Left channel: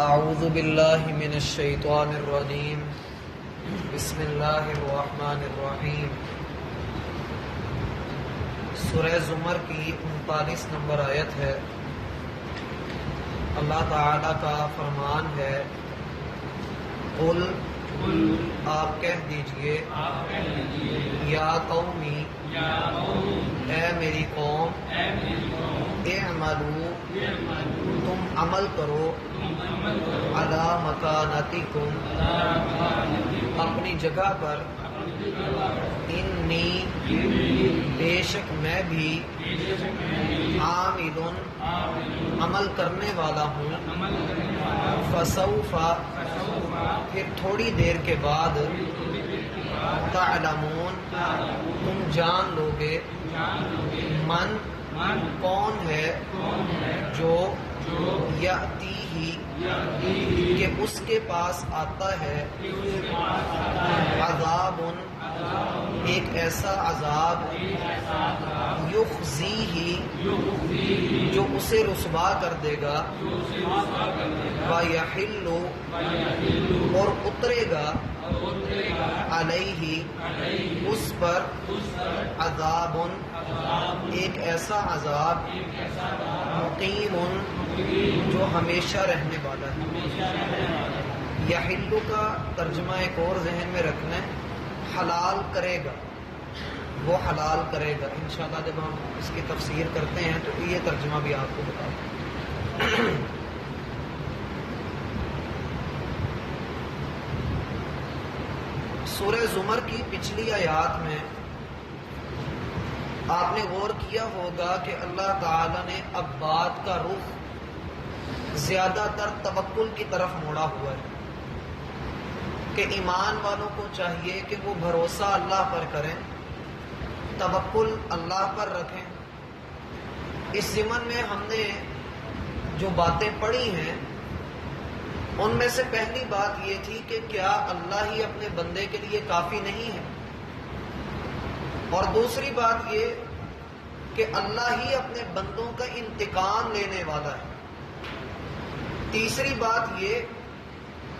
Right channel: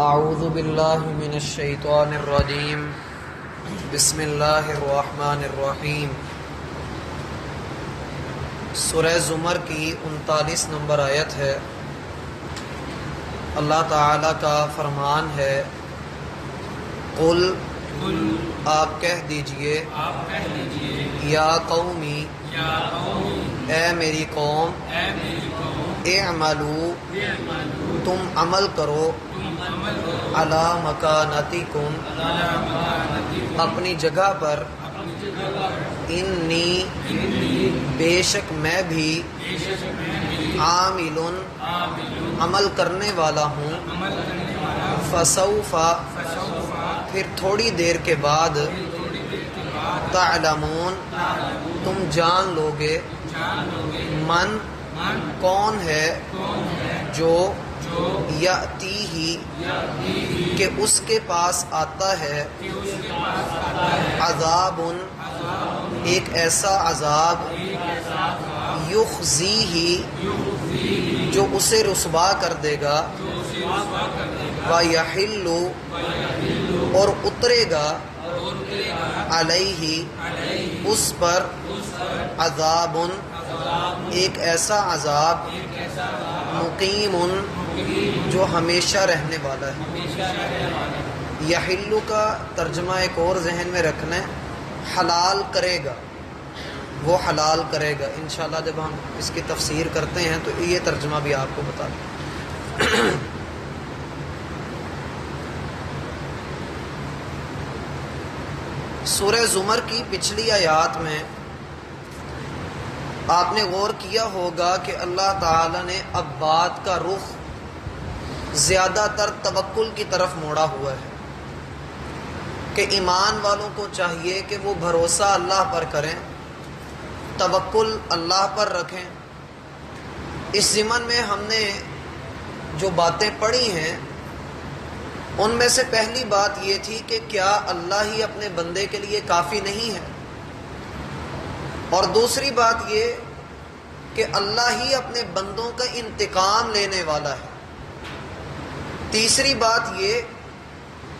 اعوذ باللہ من الشیطان الرجیم بسم اللہ الرحمن الرحیم۔ سورہ زمر کی 39 نمبر آیت ہے۔ اللہ تعالیٰ کا فرمان ہے، قل آپ کہہ دیجئے، یا قومی اے میری قوم، اعملوا تم عمل کرو، علی مکانتکم اپنی جگہ پر، انی بے شک میں بھی، عامل عمل کرنے والا ہوں، فسوف پھر تھوڑی دیر کے بعد، تعلمون تم جان لوگے، من کون ہے، جو یأتیہ کہ اس کے پاس آتا ہے، عذاب ایک ایسا عذاب، یخزیہ جو اسے رسوا کر دے گا، ویحل اور اترے گا، علیہ اس پر، عذاب ایک ایسا عذاب، مقیم جو ہمیشہ رہنے والا ہے۔ یحل کا ترجمہ ایک اور ذہن میں رکھنا ہے، حلال کرے گا، وہ حلال کرے گا۔ انشاءاللہ جب ہم اس کی تفسیر کرتے ہیں تو یہ ترجمہ بھی آپ کو بتا دیں۔ سورہ زمر کی پچھلی آیات میں آپ نے غور کیا ہوگا کہ اللہ تعالیٰ نے اب بات کا رخ زیادہ تر توکل کی طرف موڑا ہوا ہے کہ ایمان والوں کو چاہیے کہ وہ بھروسہ اللہ پر کریں، توکل اللہ پر رکھیں۔ اس ضمن میں ہم نے جو باتیں پڑھی ہیں ان میں سے پہلی بات یہ تھی کہ کیا اللہ ہی اپنے بندے کے لیے کافی نہیں ہے، اور دوسری بات یہ کہ اللہ ہی اپنے بندوں کا انتقام لینے والا ہے۔ تیسری بات یہ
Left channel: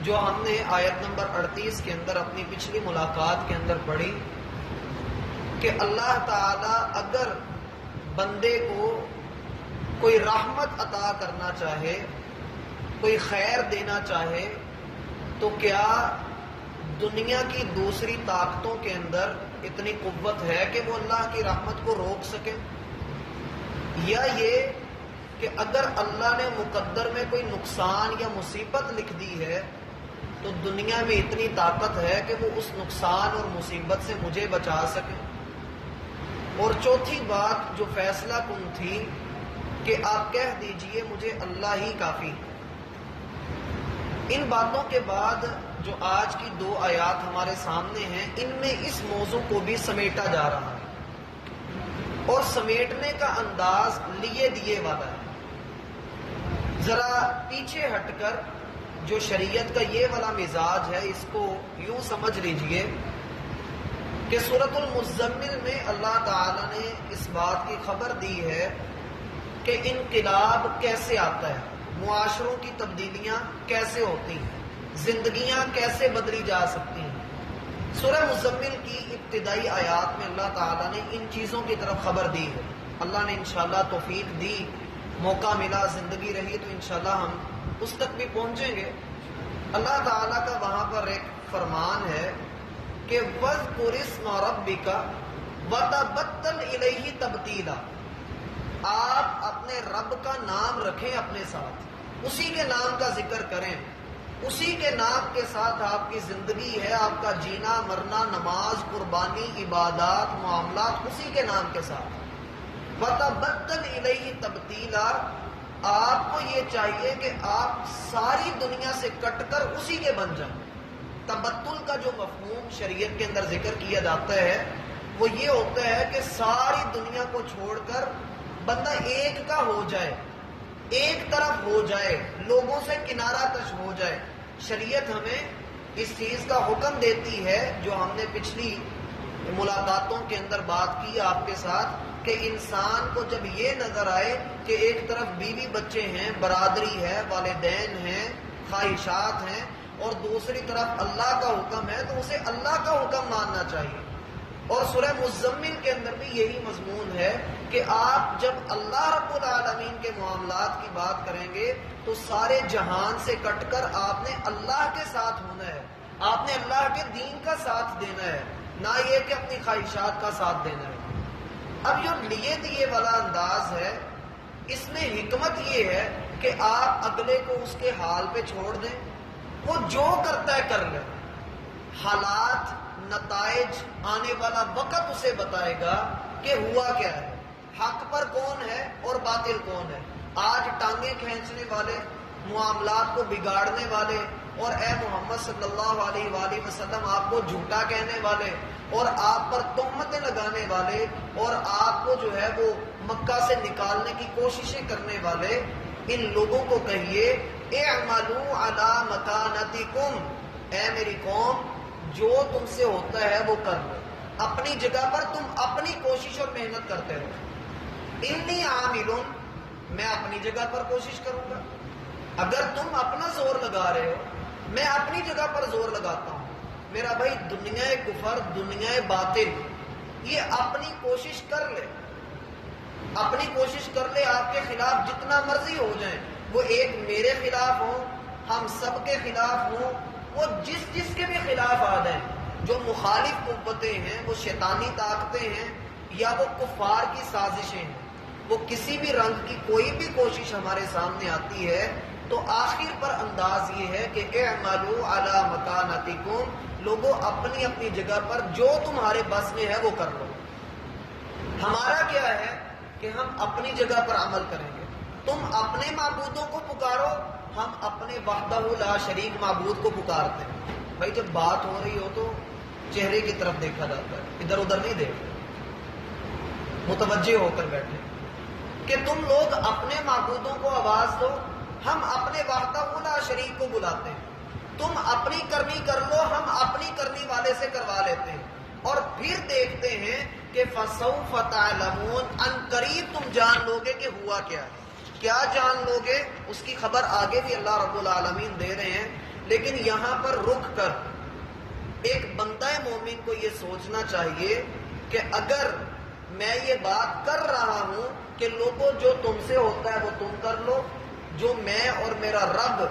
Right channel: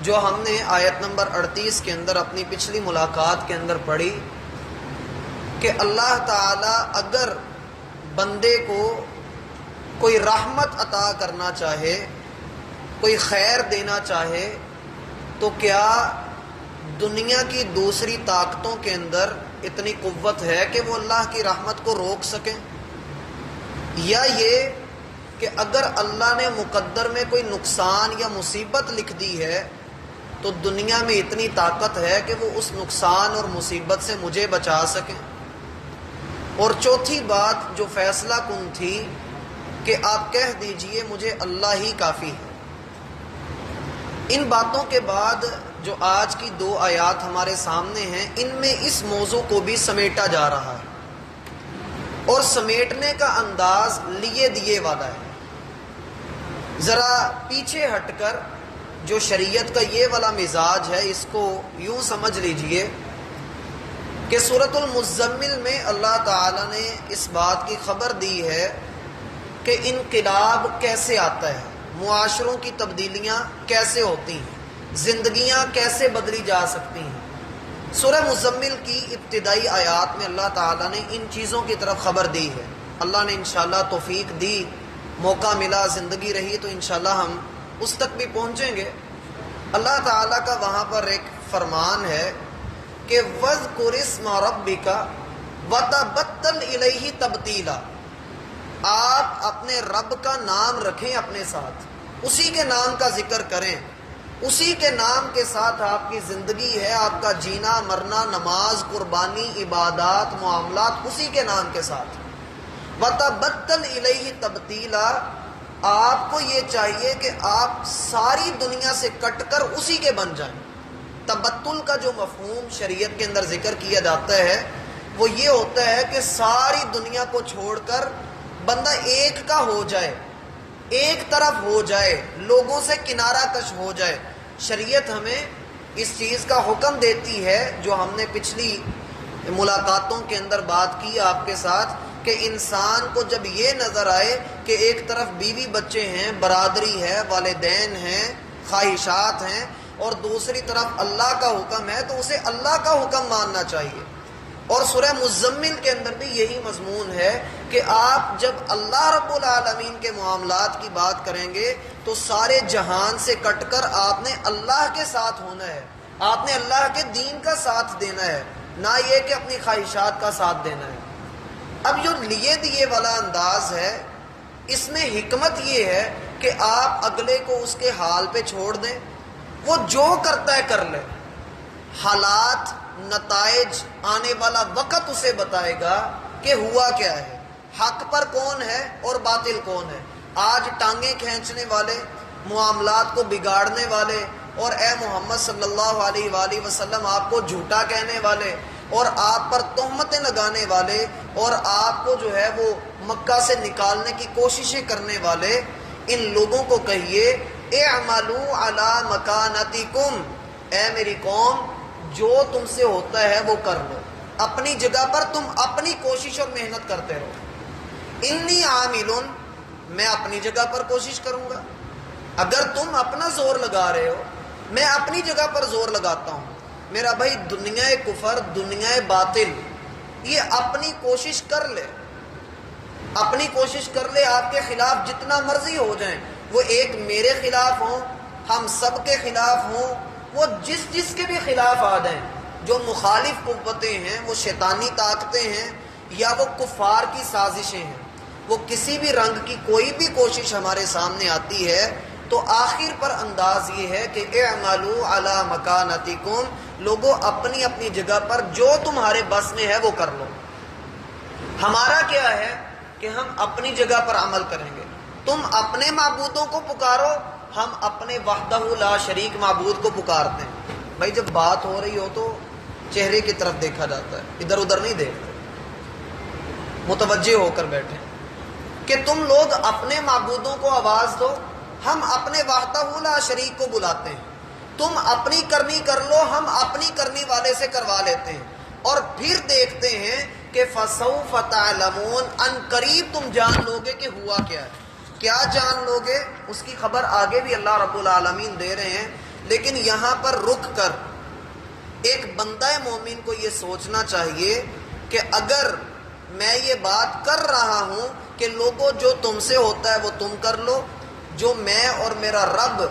جو ہم نے آیت نمبر 38 کے اندر اپنی پچھلی ملاقات کے اندر پڑھی کہ اللہ تعالیٰ اگر بندے کو کوئی رحمت عطا کرنا چاہے، کوئی خیر دینا چاہے، تو کیا دنیا کی دوسری طاقتوں کے اندر اتنی قوت ہے کہ وہ اللہ کی رحمت کو روک سکیں؟ یا یہ کہ اگر اللہ نے مقدر میں کوئی نقصان یا مصیبت لکھ دی ہے تو دنیا میں اتنی طاقت ہے کہ وہ اس نقصان اور مصیبت سے مجھے بچا سکے؟ اور چوتھی بات جو فیصلہ کن تھی کہ آپ کہہ دیجئے مجھے اللہ ہی کافی ہے۔ ان باتوں کے بعد جو آج کی دو آیات ہمارے سامنے ہیں، ان میں اس موضوع کو بھی سمیٹا جا رہا ہے، اور سمیٹنے کا انداز لیے دیے والا ہے۔ ذرا پیچھے ہٹ کر جو شریعت کا یہ والا مزاج ہے، اس کو یوں سمجھ لیجئے کہ سورۃ المزمل میں اللہ تعالیٰ نے اس بات کی خبر دی ہے کہ انقلاب کیسے آتا ہے، معاشروں کی تبدیلیاں کیسے ہوتی ہیں، زندگیاں کیسے بدلی جا سکتی ہیں۔ سورہ مزمل کی ابتدائی آیات میں اللہ تعالیٰ نے ان چیزوں کی طرف خبر دی ہے۔ اللہ نے انشاءاللہ توفیق دی، موقع ملا، زندگی رہی تو انشاءاللہ ہم اس تک بھی پہنچیں گے۔ اللہ تعالیٰ کا وہاں پر ایک فرمان ہے کہ وَاذْكُرِ اسْمَ رَبِّكَ وَتَبَتَّلْ إِلَيْهِ تَبْتِيلًا، آپ اپنے رب کا نام رکھیں اپنے ساتھ، اسی کے نام کا ذکر کریں، اسی کے نام کے ساتھ آپ کی زندگی ہے، آپ کا جینا مرنا، نماز، قربانی، عبادات، معاملات اسی کے نام کے ساتھ۔ وَتَبَتَّلْ إِلَيْهِ تَبْتِيلًا، آپ کو یہ چاہیے کہ آپ ساری دنیا سے کٹ کر اسی کے بن جائیں۔ تبتل کا جو مفہوم شریعت کے اندر ذکر کیا جاتا ہے وہ یہ ہوتا ہے کہ ساری دنیا کو چھوڑ کر بندہ ایک کا ہو جائے، ایک طرف ہو جائے، لوگوں سے کنارہ کش ہو جائے۔ شریعت ہمیں اس چیز کا حکم دیتی ہے جو ہم نے پچھلی ملاقاتوں کے اندر بات کی آپ کے ساتھ، کہ انسان کو جب یہ نظر آئے کہ ایک طرف بیوی بچے ہیں، برادری ہے، والدین ہیں، خواہشات ہیں اور دوسری طرف اللہ کا حکم ہے تو اسے اللہ کا حکم ماننا چاہیے۔ اور سورہ مزمل کے اندر بھی یہی مضمون ہے کہ آپ جب اللہ رب العالمین کے معاملات کی بات کریں گے تو سارے جہان سے کٹ کر آپ نے اللہ کے ساتھ ہونا ہے، آپ نے اللہ کے دین کا ساتھ دینا ہے، نہ یہ کہ اپنی خواہشات کا ساتھ دینا ہے۔ اب جو لیے دیے والا انداز ہے اس میں حکمت یہ ہے کہ آپ اگلے کو اس کے حال پہ چھوڑ دیں، وہ جو کرتا ہے کر لے، حالات نتائج آنے والا وقت اسے بتائے گا کہ ہوا کیا ہے، حق پر کون ہے اور باطل کون ہے۔ آج ٹانگیں کھینچنے والے، معاملات کو بگاڑنے والے اور اے محمد صلی اللہ علیہ وآلہ وسلم آپ کو جھوٹا کہنے والے اور آپ پر تہمتیں لگانے والے اور آپ کو جو ہے وہ مکہ سے نکالنے کی کوششیں کرنے والے، ان لوگوں کو کہیے اعملوا علی مکانتکم، اے میری قوم جو تم سے ہوتا ہے وہ کر لو، اپنی جگہ پر تم اپنی کوشش اور محنت کرتے رہو۔ انی عاملون، میں اپنی جگہ پر کوشش کروں گا، اگر تم اپنا زور لگا رہے ہو میں اپنی جگہ پر زور لگاتا ہوں۔ میرا بھائی دنیا کفر، دنیا باطل، یہ اپنی کوشش کر لے، اپنی کوشش کر لے، آپ کے خلاف جتنا مرضی ہو جائیں، وہ ایک میرے خلاف ہوں، ہم سب کے خلاف ہوں، وہ جس کے بھی خلاف آ جائیں، جو مخالف قوتیں ہیں، وہ شیطانی طاقتیں ہیں یا وہ کفار کی سازشیں ہیں، وہ کسی بھی رنگ کی کوئی بھی کوشش ہمارے سامنے آتی ہے تو آخر پر انداز یہ ہے کہ اعملوا علی مکانتکم، لوگوں اپنی اپنی جگہ پر جو تمہارے بس میں ہے وہ کر لو۔ ہمارا کیا ہے کہ ہم اپنی جگہ پر عمل کریں گے، تم اپنے معبودوں کو پکارو، ہم اپنے وحدہ لا شریک معبود کو پکارتے ہیں۔ بھائی جب بات ہو رہی ہو تو چہرے کی طرف دیکھا جاتا ہے، ادھر ادھر نہیں دیکھتے، متوجہ ہو کر بیٹھے کہ تم لوگ اپنے معبودوں کو آواز دو، ہم اپنے وحدہ لا شریک کو بلاتے ہیں، تم اپنی کرنی کر لو، ہم اپنی کرنی والے سے کروا لیتے ہیں، اور پھر دیکھتے ہیں کہ فَسَوْفَ تَعْلَمُونَ، ان قریب تم جان لوگے کہ ہوا کیا ہے۔ کیا جان لوگے اس کی خبر آگے بھی اللہ رب العالمین دے رہے ہیں، لیکن یہاں پر رک کر ایک بندہ مومن کو یہ سوچنا چاہیے کہ اگر میں یہ بات کر رہا ہوں کہ لوگوں جو تم سے ہوتا ہے وہ تم کر لو، جو میں اور میرا رب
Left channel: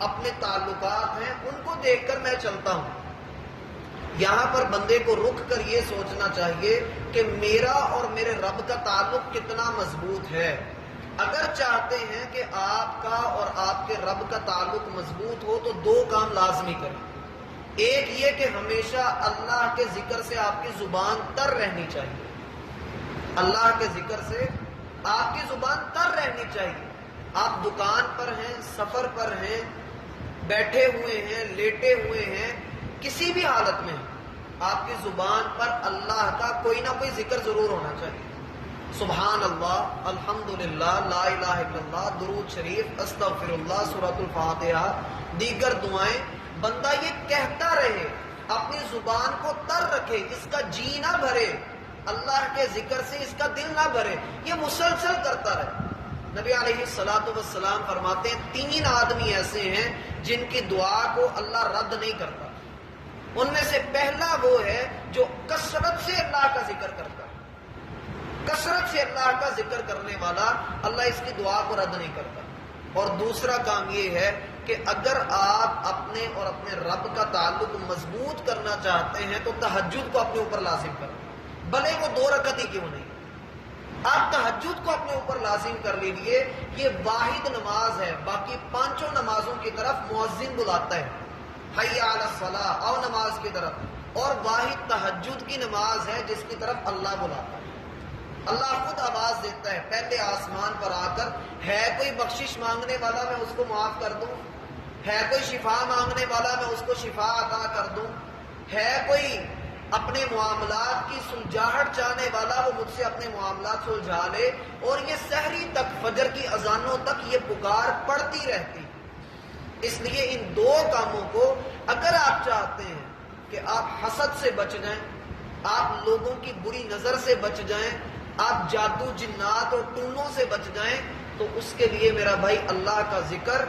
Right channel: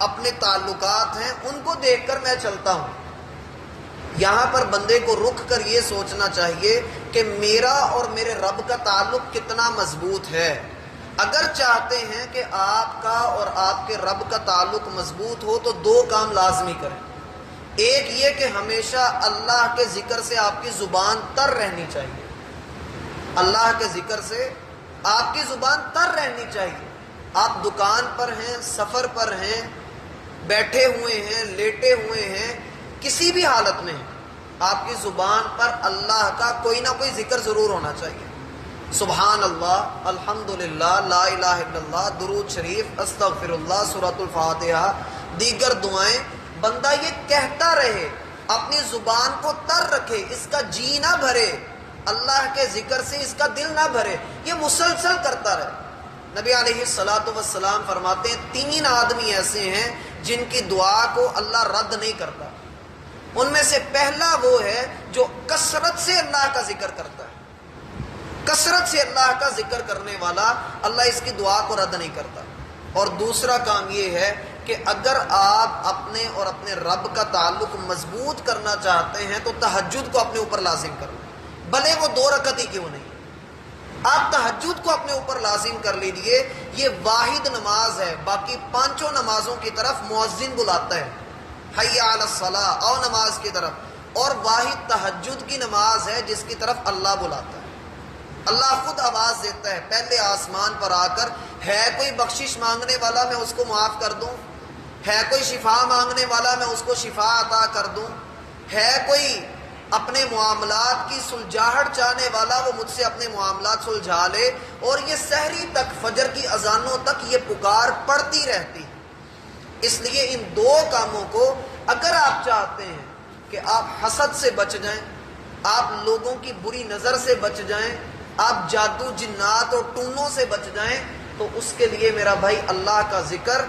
اپنے تعلقات ہیں ان کو دیکھ کر میں چلتا ہوں، یہاں پر بندے کو رک کر یہ سوچنا چاہیے کہ میرا اور میرے رب کا تعلق کتنا مضبوط ہے۔ اگر چاہتے ہیں کہ آپ کا اور آپ کے رب کا تعلق مضبوط ہو تو دو کام لازمی کریں، ایک یہ کہ ہمیشہ اللہ کے ذکر سے آپ کی زبان تر رہنی چاہیے، اللہ کے ذکر سے آپ کی زبان تر رہنی چاہیے۔ آپ دکان پر ہیں، سفر پر ہیں، بیٹھے ہوئے ہیں، لیٹے ہوئے ہیں، کسی بھی حالت میں آپ کی زبان پر اللہ کا کوئی نہ کوئی ذکر ضرور ہونا چاہیے، سبحان اللہ، الحمدللہ، لا الہ الا اللہ، درود شریف، استغفر اللہ، سورۃ الفاتحہ، دیگر دعائیں، بندہ یہ کہتا رہے، اپنی زبان کو تر رکھے، اس کا جی نہ بھرے، اللہ کے ذکر سے اس کا دل نہ بھرے، یہ مسلسل کرتا رہے۔ نبی علیہ الصلوۃ والسلام فرماتے ہیں 3 آدمی ایسے ہیں جن کی دعا کو اللہ رد نہیں کرتا، ان میں سے پہلا وہ ہے جو کثرت سے اللہ کا ذکر کرتا ہے، کثرت سے اللہ کا ذکر کرنے والا، اللہ اس کی دعا کو رد نہیں کرتا۔ اور دوسرا کام یہ ہے کہ اگر آپ اپنے اور اپنے رب کا تعلق مضبوط کرنا چاہتے ہیں تو تہجد کو اپنے اوپر لازم کرو، بھلے وہ 2 رکعت ہی کیوں نہیں، آپ تہجد کو اپنے اوپر لازم کر لیجئے۔ یہ واحد نماز ہے، باقی 5 نمازوں کی طرف مؤذن بلاتا ہے، حی علی الصلاۃ، آؤ نماز کی طرف، اور واحد تہجد کی نماز ہے جس کی طرف اللہ بلاتا ہے، اللہ خود آواز دیتا ہے پہلے آسمان پر آ کر، ہے کوئی بخشش مانگنے والا میں اس کو معاف کر دوں، ہے کوئی شفا مانگنے والا میں اس کو شفا عطا کر دوں، ہے کوئی اپنے معاملات کی سلجھاہٹ چاہنے والا وہ مجھ سے اپنے معاملات سلجھا لے۔ اور یہ سحری تک، فجر کی اذانوں تک یہ پکار پڑتی رہتی۔ اس لیے ان 2 کاموں کو اگر آپ چاہتے ہیں کہ آپ حسد سے بچ جائیں، آپ لوگوں کی بری نظر سے بچ جائیں، آپ جادو جنات اور ٹونوں سے بچ جائیں، تو اس کے لیے میرا بھائی اللہ کا ذکر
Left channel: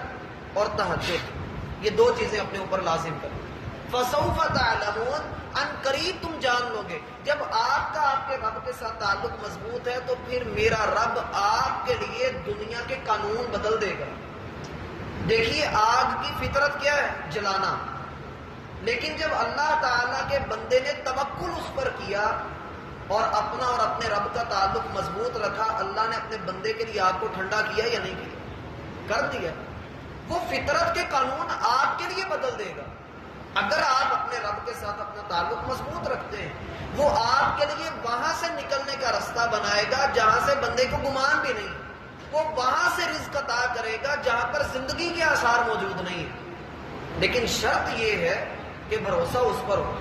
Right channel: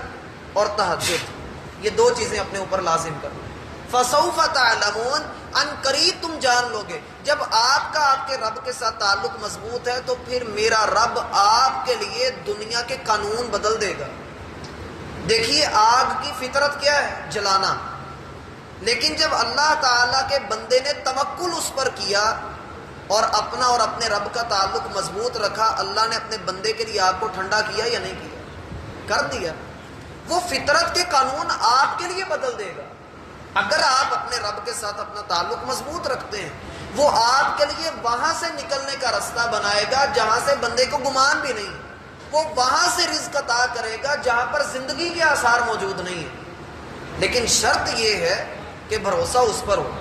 اور تہجد، یہ دو چیزیں اپنے اوپر لازم کرنا. فَسَوْفَ تَعْلَمُونَ، ان قریب تم جان لو گے. جب آپ کا آپ کے رب کے ساتھ تعلق مضبوط ہے تو پھر میرا رب آپ کے لیے دنیا کے قانون بدل دے گا. دیکھیے آگ کی فطرت کیا ہے؟ جلانا. لیکن جب اللہ تعالیٰ کے بندے نے توکل اس پر کیا اور اپنا اور اپنے رب کا تعلق مضبوط رکھا، اللہ نے اپنے بندے کے لیے آگ کو ٹھنڈا کیا یا نہیں کیا؟ کر دیا. وہ فطرت کے قانون آپ کے لیے بدل دے گا. اگر آپ اپنے رب کے ساتھ اپنا تعلق مضبوط رکھتے ہیں، وہ آپ کے لیے وہاں سے نکلنے کا راستہ بنائے گا جہاں سے بندے کو گمان بھی نہیں. وہ وہاں سے رزق عطا کرے گا جہاں پر زندگی کے آثار موجود نہیں ہیں. لیکن شرط یہ ہے کہ بھروسہ اس پر ہو،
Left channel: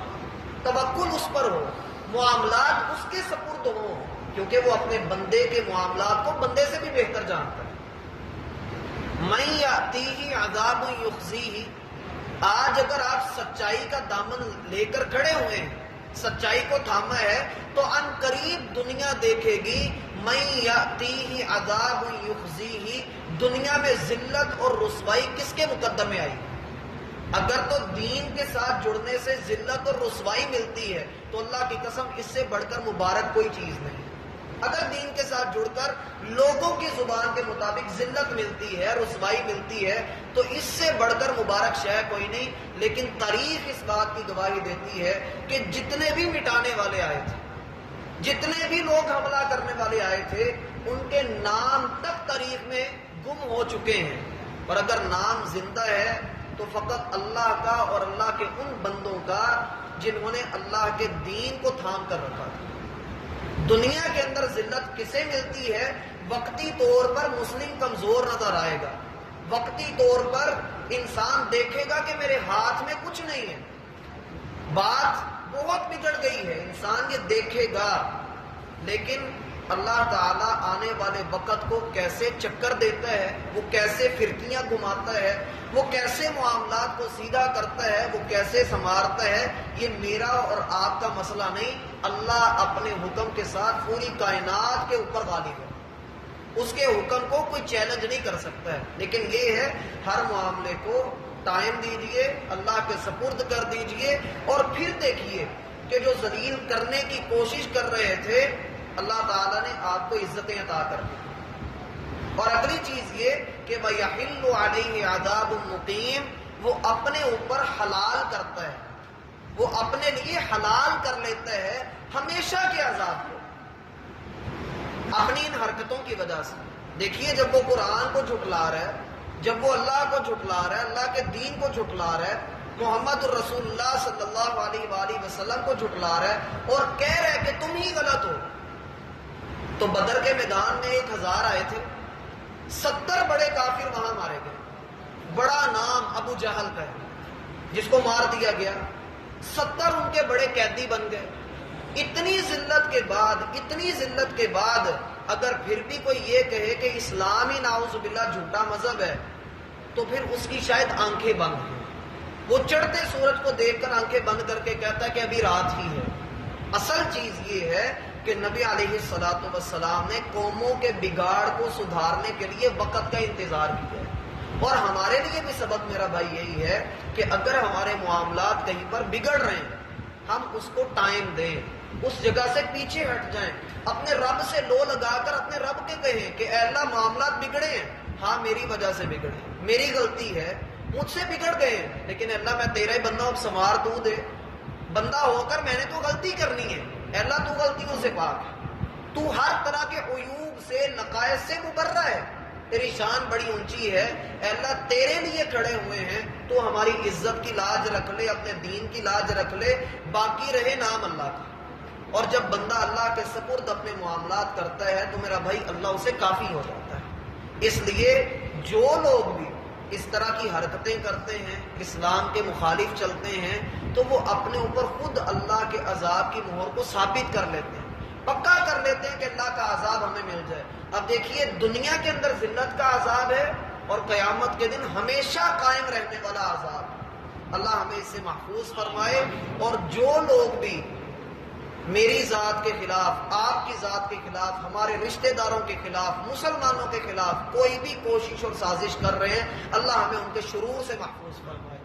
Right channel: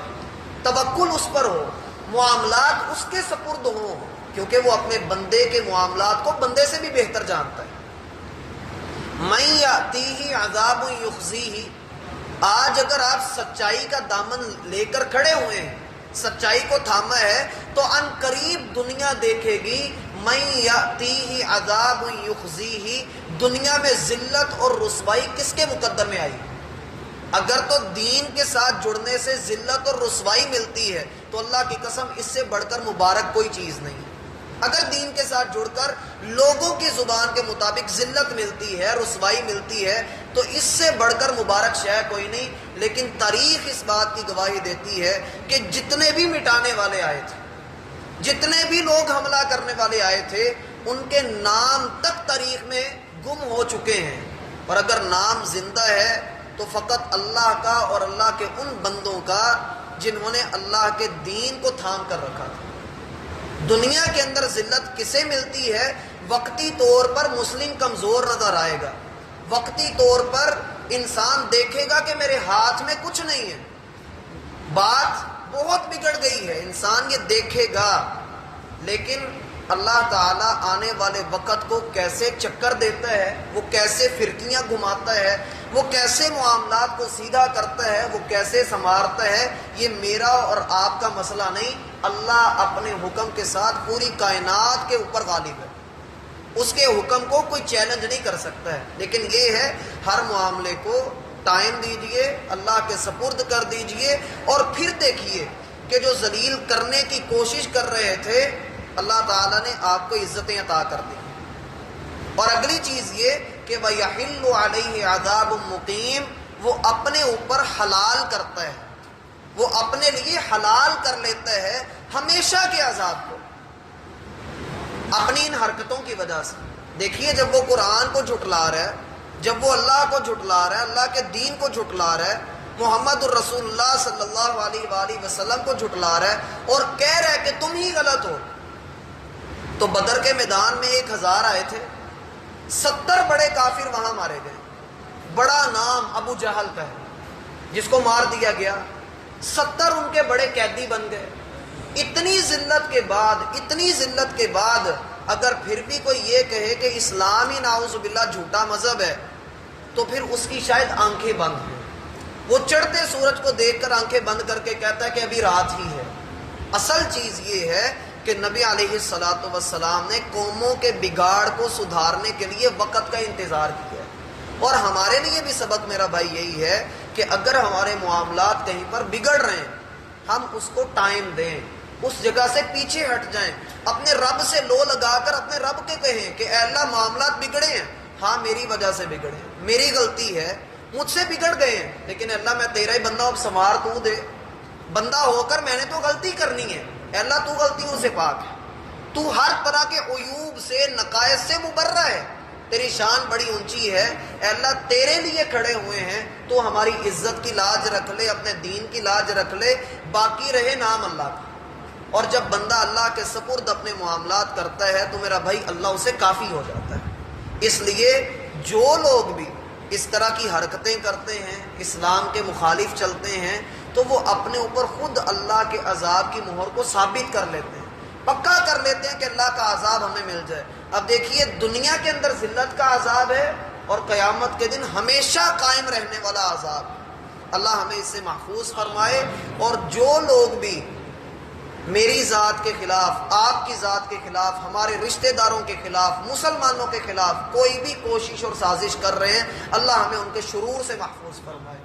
توکل اس پر ہو، معاملات اس کے سپرد ہوں، کیونکہ وہ اپنے بندے کے معاملات کو بندے سے بھی بہتر جانتا ہے. مَن یَأْتِیہِ عَذَابٌ یُخْزِیہِ، آج اگر آپ سچائی کا دامن لے کر کھڑے ہوئے ہیں، سچائی کو تھاما ہے، تو ان قریب دنیا دیکھے گی مَن یَأْتِیہِ عَذَابٌ یُخْزِیہِ، دنیا میں ذلت اور رسوائی کس کے مقدر میں آئی؟ اگر تو دین کے ساتھ جڑنے سے ذلت اور رسوائی ملتی ہے تو اللہ کی قسم اس سے بڑھ کر مبارک کوئی چیز نہیں. اگر دین کے ساتھ جڑ کر لوگوں کی زبان کے مطابق ذلت ملتی ہے، رسوائی ملتی ہے، تو اس سے بڑھ کر مبارک شے کوئی نہیں. لیکن تاریخ اس بات کی گواہی دیتی ہے کہ جتنے بھی مٹانے والے آئے تھے، جتنے بھی لوگ حملہ کرنے والے آئے تھے، ان کے نام تک تاریخ میں گم ہو چکے ہیں. اور اگر نام زندہ ہے تو فقط اللہ کا اور اللہ کے ان بندوں کا جنہوں نے اللہ کے دین کو تھام کر رکھا تھا. دنیا کے اندر ذلت کسے ملتی ہے؟ وقتی طور پر مسلم کمزور نظر آئے گا، وقتی طور پر انسان دیکھے گا کہ میرے ہاتھ میں کچھ نہیں ہے، بات بہت بگڑ گئی ہے، انسان یہ دیکھے گا. لیکن اللہ تعالیٰ آنے والے وقت کو کیسے چکر دیتا ہے، وہ کیسے فرقیاں گھماتا ہے، وہ کیسے معاملات کو سیدھا کرتا ہے، وہ کیسے سنوارتا ہے، یہ میرا اور آپ کا مسئلہ نہیں. اللہ اپنے حکم کے ساتھ پوری کائنات کے اوپر غالب ہے، اس کے حکم کو کوئی چیلنج نہیں کر سکتا ہے. لیکن یہ ہے ہر معاملے کو ٹائم دیجئے، اللہ کے سپرد کر دیجئے، اور پھر دیکھیے کہ جو ذلیل کرنے کی کوشش کر رہے تھے اللہ تعالیٰ نے آپ کو عزتیں عطا کر دی. اور اگلی چیز یہ کہ وَيَحِلُّ عَلَيْهِ عَذَابٌ مُقِيمٌ، وہ اپنے اوپر حلال کرتا ہے، وہ اپنے لیے حلال کر لیتا ہے ہمیشہ کے عذاب کو اپنی ان حرکتوں کی وجہ سے. دیکھیے جب وہ قرآن کو جھٹلا رہا ہے، جب وہ اللہ کو جھٹلا رہا ہے، اللہ کے دین کو جھٹلا رہا ہے، محمد الرسول اللہ صلی اللہ علیہ وآلہ وسلم کو جھٹلا رہا ہے اور کہہ رہا ہے کہ تم ہی غلط ہو. تو بدر کے میدان میں 1000 آئے تھے، 70 بڑے کافر وہاں مارے گئے. بڑا نام ابو جہل کا ہے جس کو مار دیا گیا، 70 ان کے بڑے قیدی بن گئے. اتنی ذلت کے بعد اگر پھر بھی کوئی یہ کہے کہ اسلام ہی نعوذ باللہ جھوٹا مذہب ہے تو پھر اس کی شاید آنکھیں بند ہیں. وہ چڑھتے سورج کو دیکھ کر آنکھیں بند کر کے کہتا ہے کہ ابھی رات ہی ہے. اصل چیز یہ ہے کہ نبی علیہ الصلوۃ والسلام نے قوموں کے بگاڑ کو سدھارنے کے لیے وقت کا انتظار کیا ہے. اور ہمارے لیے بھی سبق میرا بھائی یہی ہے کہ اگر ہمارے معاملات کہیں پر بگڑ رہے ہیں ہم اس کو ٹائم دیں، اس جگہ سے پیچھے ہٹ جائیں، اپنے رب سے لو لگا کر اپنے رب کے کہیں کہ اے اللہ معاملات بگڑے ہیں، ہاں میری وجہ سے بگڑے ہیں، میری غلطی ہے، مجھ سے بگڑ گئے ہیں، لیکن اللہ میں تیرا ہی بندہ ہوں، اب سنوار تو دے. بندہ ہو کر میں نے تو غلطی کرنی ہے، اے اللہ تو غلطیوں سے پاک ہے، تو ہر طرح کے عیوب سے نقائص سے مبرہ ہے، تیری شان بڑی اونچی ہے، اے اللہ تیرے لیے کھڑے ہوئے ہیں، تو ہماری عزت کی لاج رکھ لے، اپنے دین کی لاج رکھ لے، باقی رہے نام اللہ کا. اور جب بندہ اللہ کے سپرد اپنے معاملات کرتا ہے تو میرا بھائی اللہ اسے کافی ہو جاتا ہے. اس لیے جو لوگ بھی اس طرح کی حرکتیں کرتے ہیں، اسلام کے مخالف چلتے ہیں، تو وہ اپنے اوپر خود اللہ کے عذاب کی مہر کو ثابت کر لیتے ہیں، پکا کر لیتے ہیں کہ اللہ کا عذاب ہمیں مل جائے. اب دیکھیے دنیا کے اندر ذلت کا عذاب ہے اور قیامت کے دن ہمیشہ قائم رہنے والا عذاب. اللہ ہمیں اس سے محفوظ فرمائے. اور جو لوگ بھی میری ذات کے خلاف، آپ کی ذات کے خلاف، ہمارے رشتہ داروں کے خلاف، مسلمانوں کے خلاف کوئی بھی کوشش اور سازش کر رہے ہیں، اللہ ہمیں ان کے شرور سے محفوظ فرمائے۔